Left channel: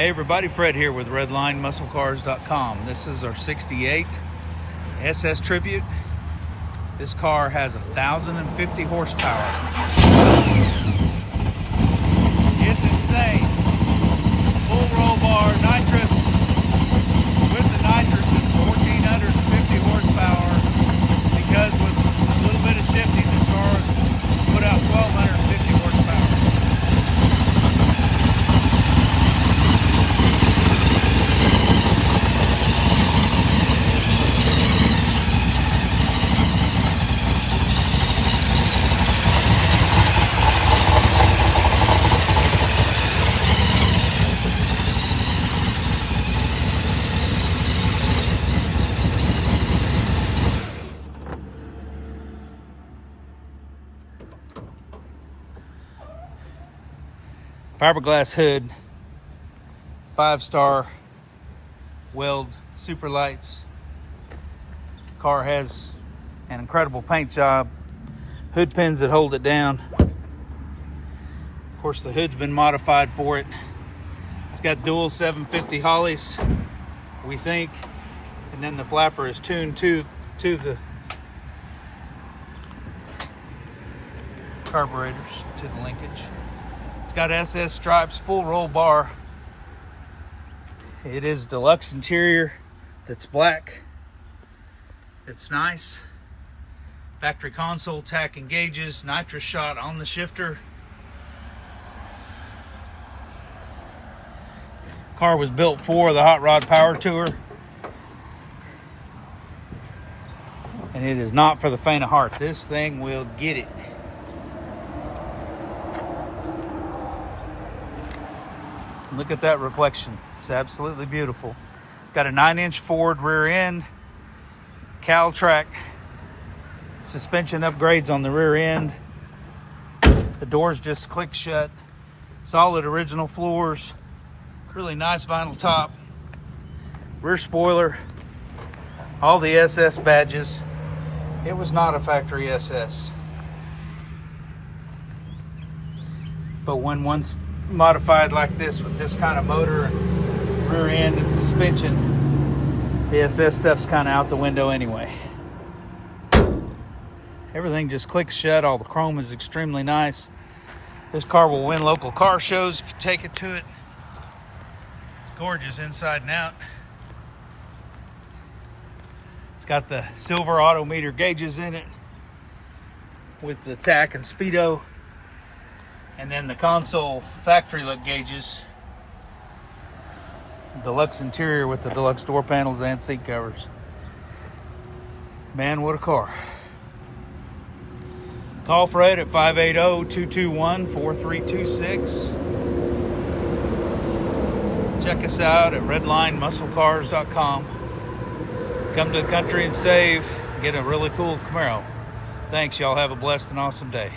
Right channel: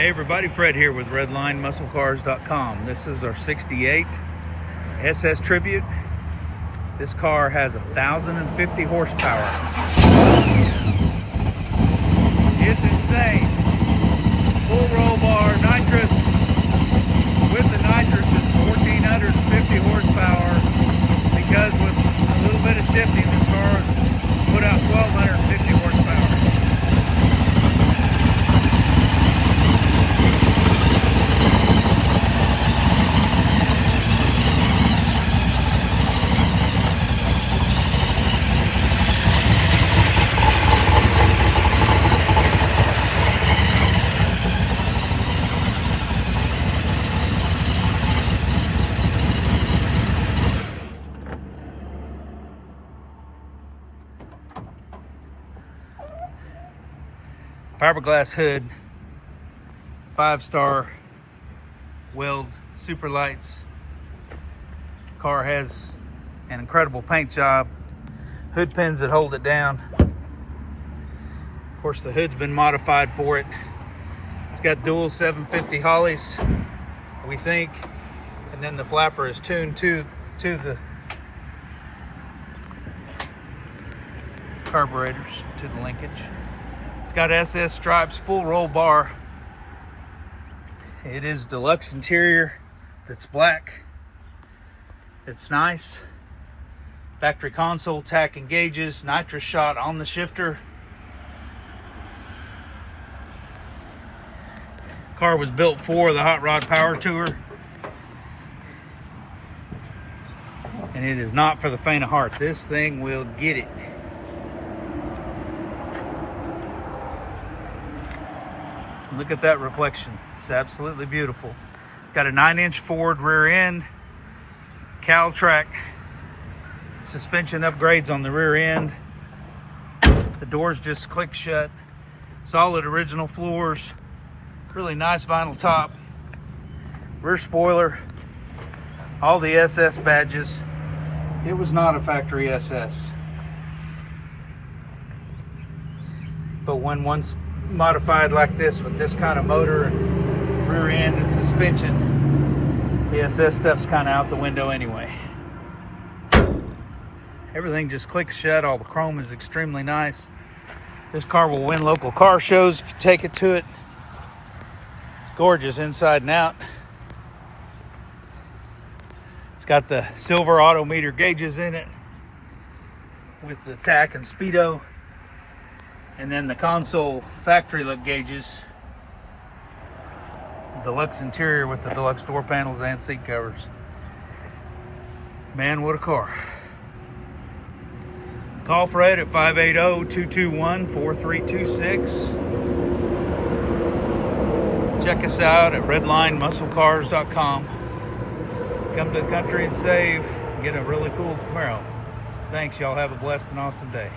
Hey everybody, Fred here with RedlineMuscleCars.com. This is our 68 SS Tribute. This car has 1,050 horsepower. It's insane. Full roll bar, nitrous. With the nitrous, it's 1,450 horsepower. Because with a little bit of shifting, this car put out 1,250 horsepower. Fiberglass hood, 5-star weld, super lights. Car has an incredible paint job, hood pins that hold it down. Of course, the hood's been modified for it. It's got dual 750 Hollies, we think, and then the flapper is tuned to the carburetors, to the linkage. It's got SS stripes, full roll bar. It is deluxe interior that's black. It's nice. Factory console, tach and gauges, nitrous shot on the shifter. Car was built for the Hot Rod Power Tour. And it is not for the faint of heart. This thing will get it. Look at that reflection. It's absolutely beautiful. It's got a 9-inch forward rear end, cowl track, suspension upgrades on the rear end. The doors just click shut. Solid original floors. Really nice vinyl top. Rear spoiler. All the SS badges. It was not a factory SS. But when once modified like this with this kind of motor and rear end and suspension, the SS stuff's kind of out the window anyway. Everything just clicks shut. All the chrome is extremely nice. This car will win local car shows if you take it to it. It's gorgeous inside and out. It's got the silver odometer gauges in it with the tach and Speedo. And then the console factory look gauges. Deluxe interior with the deluxe door panels and seat covers. Man, what a car. Call Fred at 580-221-4326. Check us out at RedlineMuscleCars.com. Come to the country and save. Get a really cool Camaro. Thanks, y'all. Have a blessed and awesome day.